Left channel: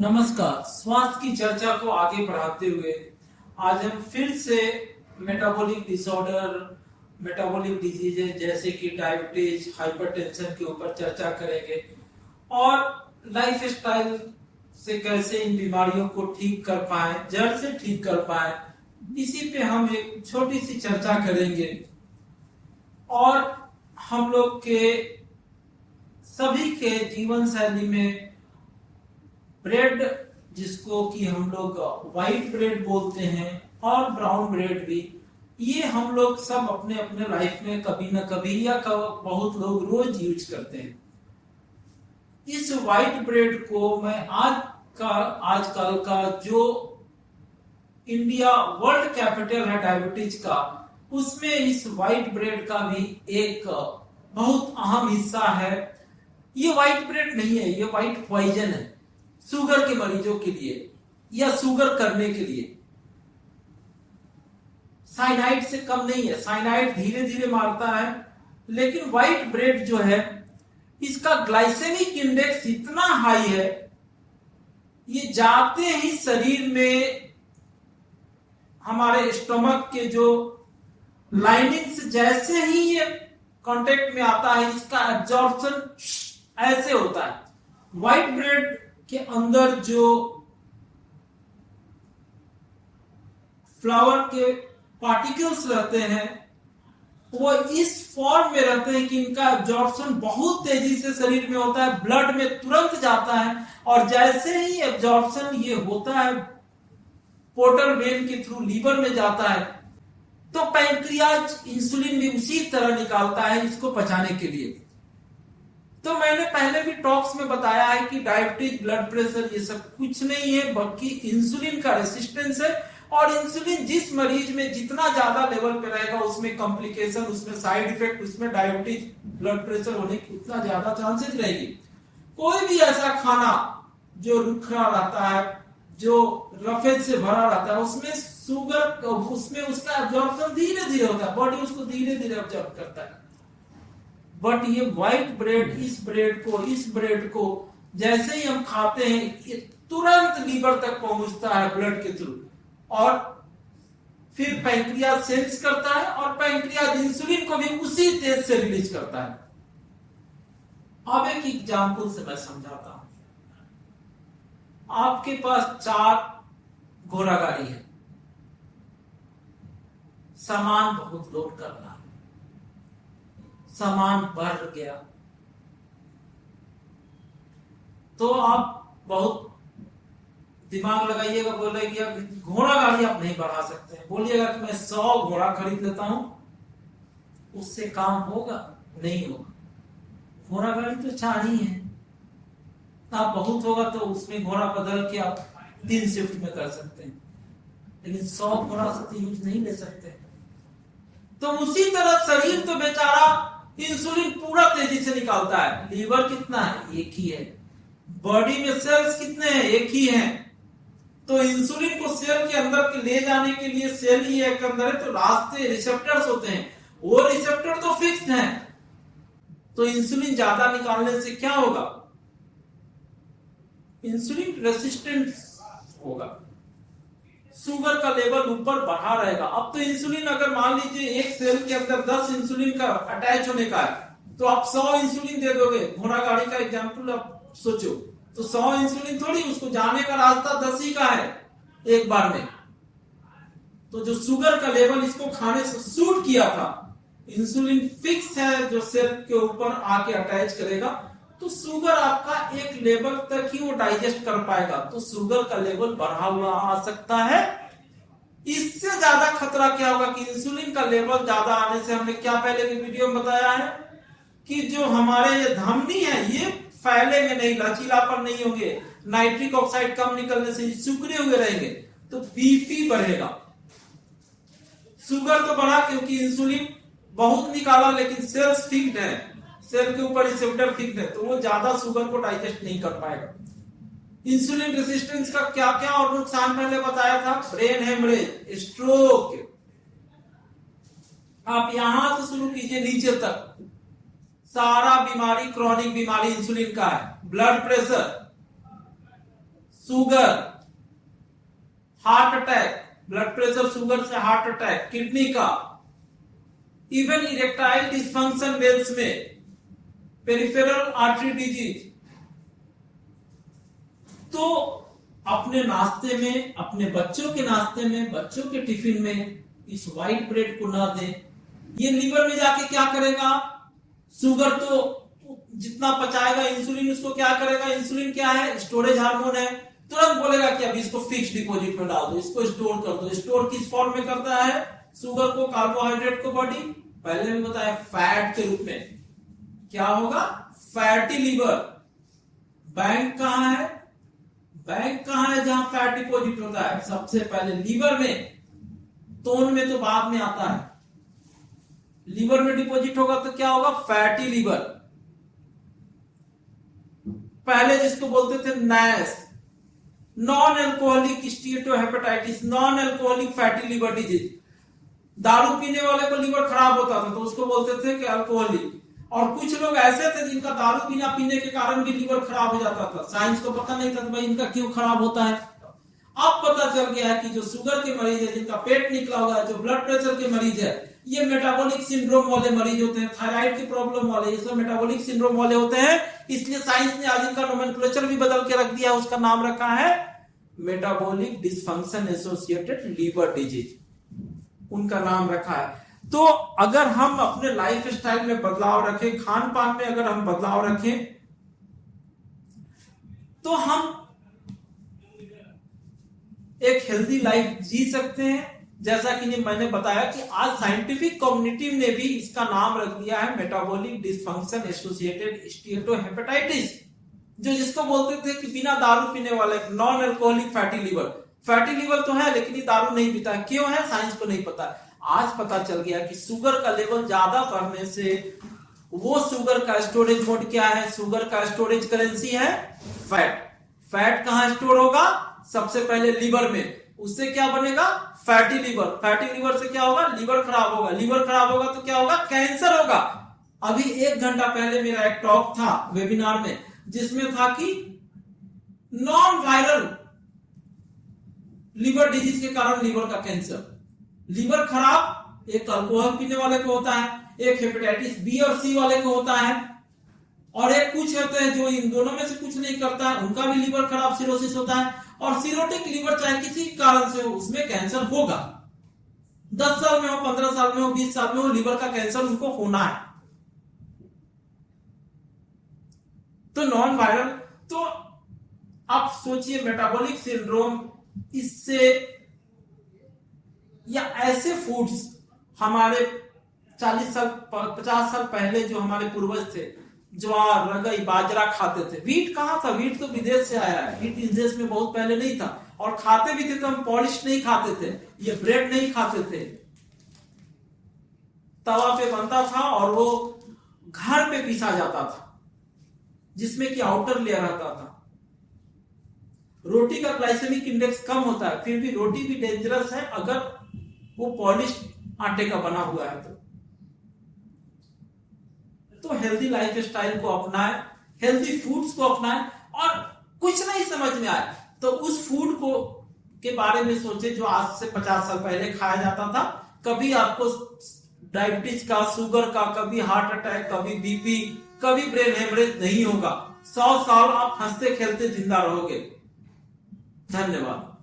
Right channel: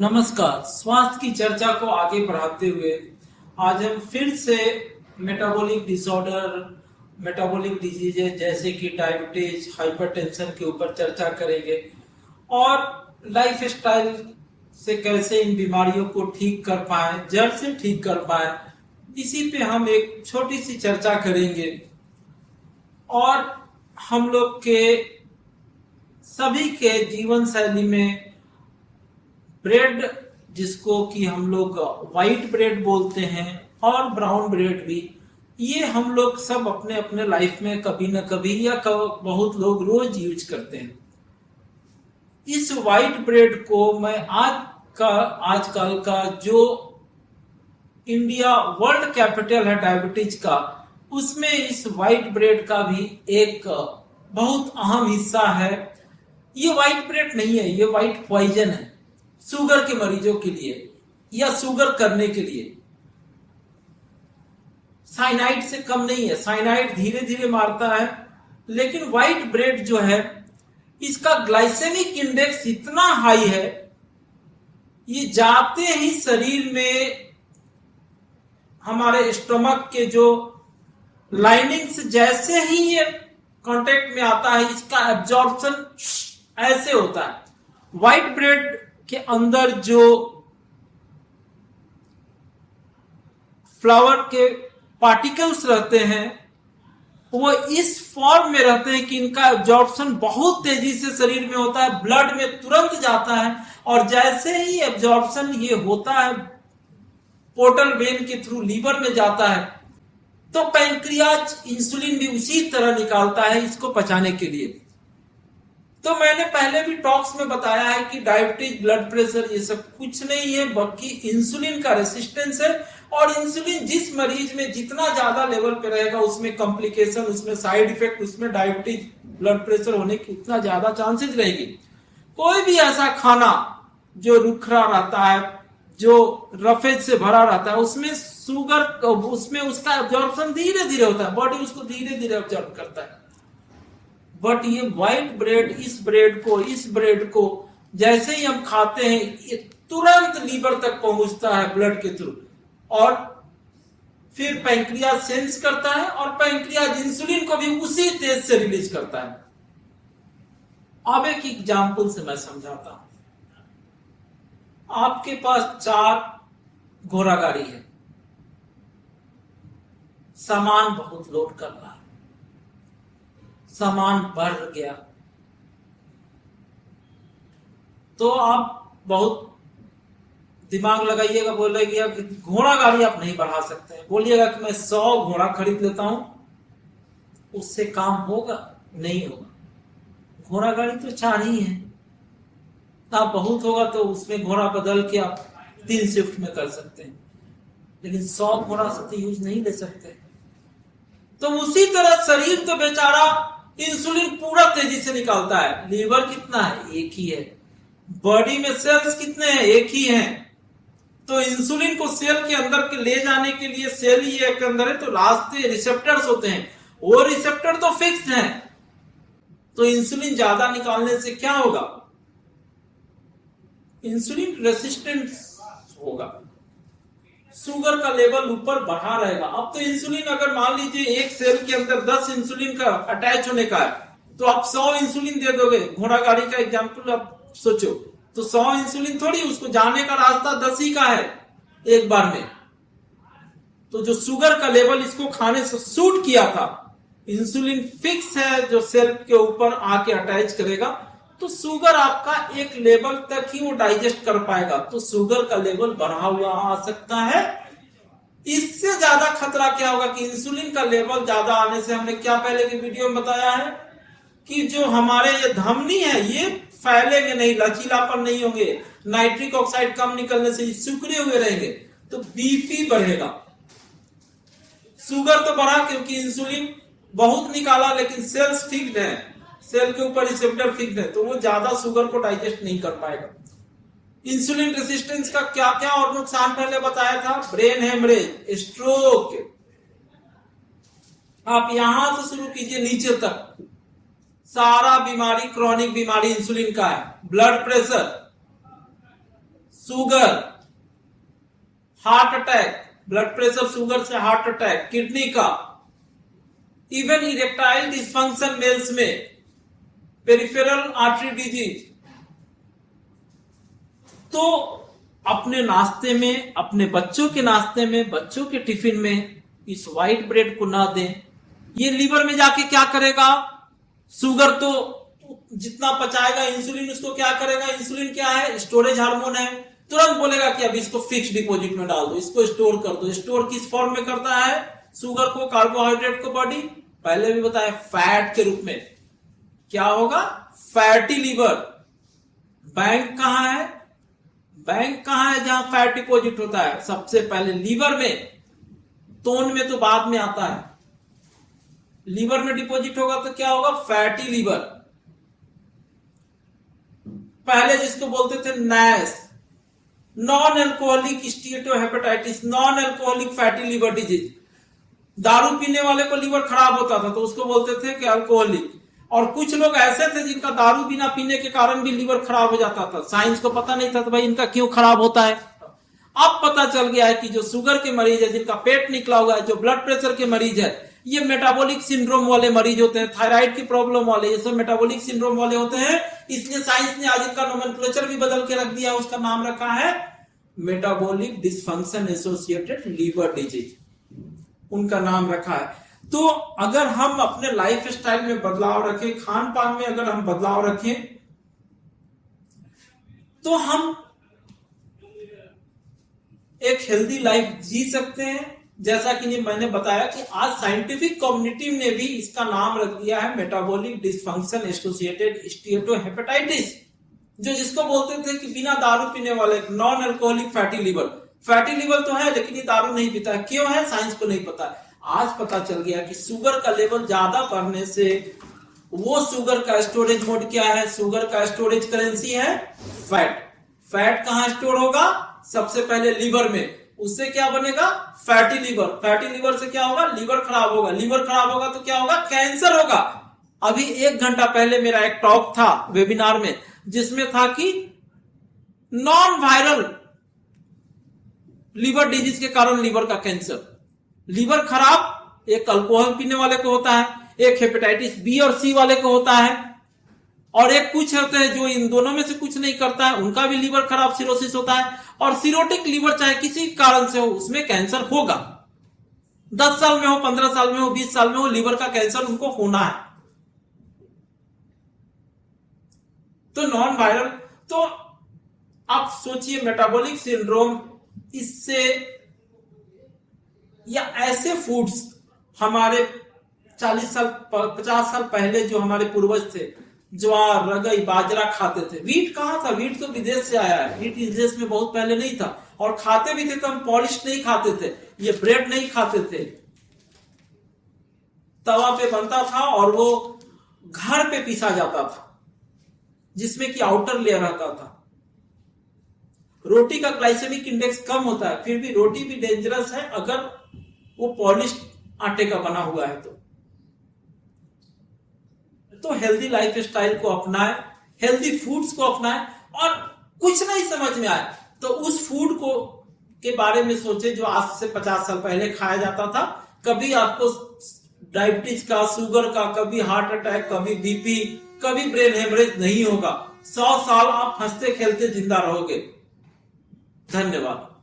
नमस्कार। स्वास्थ्य की चर्चा को आगे बढ़ाते हुए आज हम फिर से मेटाबॉलिक डिसऑर्डर, मेटाबॉलिक डिजीजेज जैसे कि डायबिटीज, हाइपरटेंशन के ऊपर चर्चा करेंगे और लाइफ स्टाइल से कैसे इन बीमारियों को ठीक कर पाए, जड़ से ठीक कर पाए, इसी पे हम एक छोटी सी चर्चा करेंगे। और हम लोग के सभी के जीवन शैली में ब्रेड, जिसको कि हम लोग व्हाइट ब्रेड बोलते हैं, और ब्राउन ब्रेड भी, ये हम लोग सब अपने अपने लाइफ में कभी ना कभी या बहुत लोग रोज यूज करते हैं। इस व्हाइट ब्रेड को मैं आजकल का जो इंडिया वर्ल्ड कैपिटल है डायबिटीज का, उसमें इस व्हाइट ब्रेड का भी एक बहुत अहम हिस्सा है। ये व्हाइट ब्रेड नहीं है, ये व्हाइट पॉइजन है शुगर के मरीजों के लिए या शुगर करने के लिए। साइनाइड से कम नहीं है, साइनाइड धीरे धीरे मारता है, लेकिन व्हाइट ब्रेड जो है इसका ग्लाइसेमिक इंडेक्स इतना हाई है, ये जाते ही शरीर में हमारे स्टमक के जो लाइनिंग से जैसे ही ये कांटेक्ट में आता है, इसका एब्जॉर्प्शन ऐसे होता है। व्हाइट ब्रेड के अंदर जो फ्लावर के पार्टिकल्स रहते हैं वो इस फॉर्म में रहते हैं कि इनका एब्जॉर्प्शन बहुत तेजी से शरीर में होता है, ब्लड में तुरंत जाता है, और जैसे ही एब्जॉर्प्शन ये होता है पोर्टल वेन के थ्रू लीवर में जाता है, तो पैंक्रियाज इंसुलिन भी उसी तरह निकालता है इसको पचाने के लिए। तो मैंने पहले भी टॉक्स में बताया है कि डायबिटीज, ब्लड प्रेशर ये सब कुछ नहीं है, बल्कि इंसुलिन का रेसिस्टेंस है। और इंसुलिन जिस मरीज में जितना ज्यादा लेवल पे रहेगा, उसमें कॉम्प्लिकेशन, उसमें साइड इफेक्ट, उसमें डायबिटीज, ब्लड प्रेशर होने की उतना ज्यादा चांसेस रहेगी। कोई भी ऐसा खाना जो रुखरा रहता है, जो रफेज से भरा रहता है, उसमें शुगर, उसमें उसका एब्जॉर्प्शन धीरे धीरे होता है, बॉडी उसको धीरे धीरे एब्जॉर्ब करता है। बट ये व्हाइट ब्रेड, इस ब्रेड को जैसे ही हम खाते हैं, ये तुरंत लीवर तक पहुंचता है ब्लड के थ्रू, और फिर पैंक्रियाज सेंस करता है, और पैंक्रियाज इंसुलिन को भी उसी तेज से रिलीज करता है। अब एक एग्जाम्पल से मैं समझाता हूं। आपके पास 4 घोड़ा गाड़ी है, सामान बहुत लोड करना है, सामान बढ़ गया, तो आप बहुत दिमाग लगाइएगा, बोल रहे कि घोड़ा गाड़ी आप नहीं बढ़ा सकते। बोलिएगा कि मैं 100 घोड़ा खरीद लेता हूं, उससे काम होगा? नहीं होगा। घोड़ा गाड़ी तो 4 ही है, आप बहुत होगा तो उसमें घोड़ा बदल के आप 3 शिफ्ट में कर सकते हैं, लेकिन 100 घोड़ा से तो यूज नहीं ले सकते। तो उसी तरह शरीर तो बेचारा इंसुलिन पूरा तेजी से निकालता है। लीवर कितना है? एक ही है। बॉडी में सेल्स कितने हैं? एक ही हैं। तो इंसुलिन को सेल के अंदर के ले जाने के लिए सेल ही एक अंदर है, तो रास्ते रिसेप्टर्स होते हैं, वो रिसेप्टर तो फिक्स्ड हैं। तो इंसुलिन ज्यादा निकालने से क्या होगा? इंसुलिन रेसिस्टेंस होगा, शुगर का लेवल ऊपर बढ़ा रहेगा। अब तो इंसुलिन, अगर मान लीजिए एक सेल के अंदर 10 इंसुलिन का अटैच होने का है, तो आप 100 इंसुलिन दे दोगे। घोड़ा गाड़ी का एग्जांपल आप सोचो, तो 100 इंसुलिन थोड़ी, उसको जाने का रास्ता 10 ही का है एक बार में। तो जो शुगर का लेवल इसको खाने से शूट किया था, इंसुलिन फिक्स है जो सेल के ऊपर आके अटैच करेगा, तो शुगर आपका एक लेवल तक ही वो डाइजेस्ट कर पाएगा। तो शुगर का लेवल बढ़ा हुआ आ सकता है। इससे ज्यादा खतरा क्या होगा कि इंसुलिन का लेवल ज्यादा आने से, हमने क्या पहले की वीडियो में बताया है कि जो हमारे ये धमनी है ये फैलेंगे नहीं, लचीलापन नहीं होंगे, नाइट्रिक ऑक्साइड कम निकलने से सिकुड़े हुए रहेंगे, तो बीपी बढ़ेगा। शुगर तो बढ़ा क्योंकि इंसुलिन बहुत निकाला, लेकिन सेल्स फिक्स्ड है, सेल के ऊपर रिसेप्टर फिक्स्ड है, तो वो ज्यादा शुगर को डाइजेस्ट नहीं कर पाएगा। इंसुलिन रेसिस्टेंस का क्या क्या और नुकसान पहले बताया था? Brain haemorrhage, stroke. आप यहां से शुरू कीजिए नीचे तक, सारा बीमारी, क्रॉनिक बीमारी इंसुलिन का है। Blood pressure, sugar, heart attack, blood pressure sugar से हार्ट अटैक, किडनी का, इवन इरेक्टाइल डिसफंक्शन मेल्स में, पेरिफेरल आर्टरी डिजीज। तो अपने नाश्ते में, अपने बच्चों के नाश्ते में, बच्चों के टिफिन में इस व्हाइट ब्रेड को ना दें। ये लीवर में जाके क्या करेगा? शुगर तो जितना पचाएगा, इंसुलिन उसको क्या करेगा? इंसुलिन क्या है? स्टोरेज हार्मोन है। तुरंत बोलेगा कि अब इसको फिक्स डिपॉजिट में डाल दो, इसको स्टोर कर दो। स्टोर किस फॉर्म में करता है? शुगर को, कार्बोहाइड्रेट को बॉडी, पहले भी बताया, फैट के रूप में। क्या होगा? Fatty liver. बैंक कहां है? बैंक कहां है जहां फैट डिपॉजिट होता है? सबसे पहले लीवर में। तोन में तो बाद में आता है। लीवर में डिपॉजिट होगा तो क्या होगा? Fatty liver. पहले जिसको बोलते थे NASH, non alcoholic steatohepatitis, non alcoholic fatty liver disease. दारू पीने वाले को लीवर खराब होता था तो उसको बोलते थे कि अल्कोहलिक। और कुछ लोग ऐसे थे जिनका दारू बिना पीने के कारण भी लीवर खराब हो जाता था। साइंस को पता नहीं था तो भाई इनका क्यों खराब होता है। अब पता चल गया है कि जो शुगर के मरीज है, जिनका पेट निकला हुआ है, जो ब्लड प्रेशर के मरीज है, ये मेटाबॉलिक सिंड्रोम वाले मरीज होते हैं, थायराइड की प्रॉब्लम वाले, ये सब मेटाबॉलिक सिंड्रोम वाले होते हैं। इसलिए साइंस ने आज इनका नोमेनक्लेचर भी बदल के रख दिया, उसका नाम रखा है metabolic dysfunction associated liver disease, उनका नाम रखा है। तो अगर हम अपने लाइफ स्टाइल में बदलाव रखें, खान पान में अगर हम बदलाव रखें, तो हम एक हेल्दी लाइफ जी सकते हैं। जैसा कि मैंने बताया कि आज साइंटिफिक कम्युनिटी ने भी इसका नाम रख दिया है मेटाबॉलिक डिसफंक्शन एसोसिएटेड स्टीएटोहेपेटाइटिस, जो जिसको बोलते थे कि बिना दारू पीने वाले, non alcoholic fatty liver. Fatty liver तो है लेकिन ये दारू नहीं पीता है। क्यों है? साइंस को नहीं पता। आज पता चल गया कि शुगर का लेवल ज्यादा बढ़ने से वो शुगर का स्टोरेज मोड क्या है? शुगर का स्टोरेज करेंसी है फैट। फैट कहां स्टोर होगा? सबसे पहले लीवर में। उससे क्या बनेगा? Fatty liver. फैटी लीवर से क्या होगा? लीवर खराब होगा। लीवर खराब होगा तो क्या होगा? कैंसर होगा। अभी 1 घंटा पहले मेरा एक टॉक था वेबिनार में, जिसमें था कि नॉन वायरल लीवर डिजीज के कारण लीवर का कैंसर। लीवर खराब एक अल्कोहल पीने वाले को होता है, एक हेपेटाइटिस बी और सी वाले को होता है, और एक कुछ होते हैं जो इन दोनों में से कुछ नहीं करता है, उनका भी लीवर खराब सिरोसिस होता है। और सिरोटिक लीवर चाहे किसी कारण से हो, उसमें कैंसर होगा। 10 साल में हो, 15 साल में हो, 20 साल में हो, लीवर का कैंसर उनको होना है। तो नॉन वायरल, तो आप सोचिए मेटाबॉलिक सिंड्रोम, इससे या ऐसे फूड्स हमारे 40 साल 50 साल पहले जो हमारे पूर्वज थे, ज्वार, रगई, बाजरा खाते थे। वीट कहां था? वीट तो विदेश से आया है। वीट इस देश में बहुत पहले नहीं था, और खाते भी थे तो हम पॉलिश नहीं खाते थे, ये ब्रेड नहीं खाते थे, तवा पे बनता था और वो घर पे पीसा जाता था, जिसमें कि आउटर लेयर रहता था। रोटी का ग्लाइसेमिक इंडेक्स कम होता है, फिर भी रोटी भी डेंजरस है अगर वो पॉलिश आटे का बना हुआ है। तो हेल्दी लाइफ स्टाइल को अपनाएं, हेल्दी फूड्स को अपनाएं, और कुछ नहीं समझ में आए तो उस फूड को के बारे में सोचें जो आज से 50 साल पहले खाया जाता था। कभी आपको डायबिटीज का, शुगर का, कभी हार्ट अटैक, कभी बीपी, कभी ब्रेन हेमरेज नहीं होगा। 100 साल आप हंसते खेलते जिंदा रहोगे। धन्यवाद।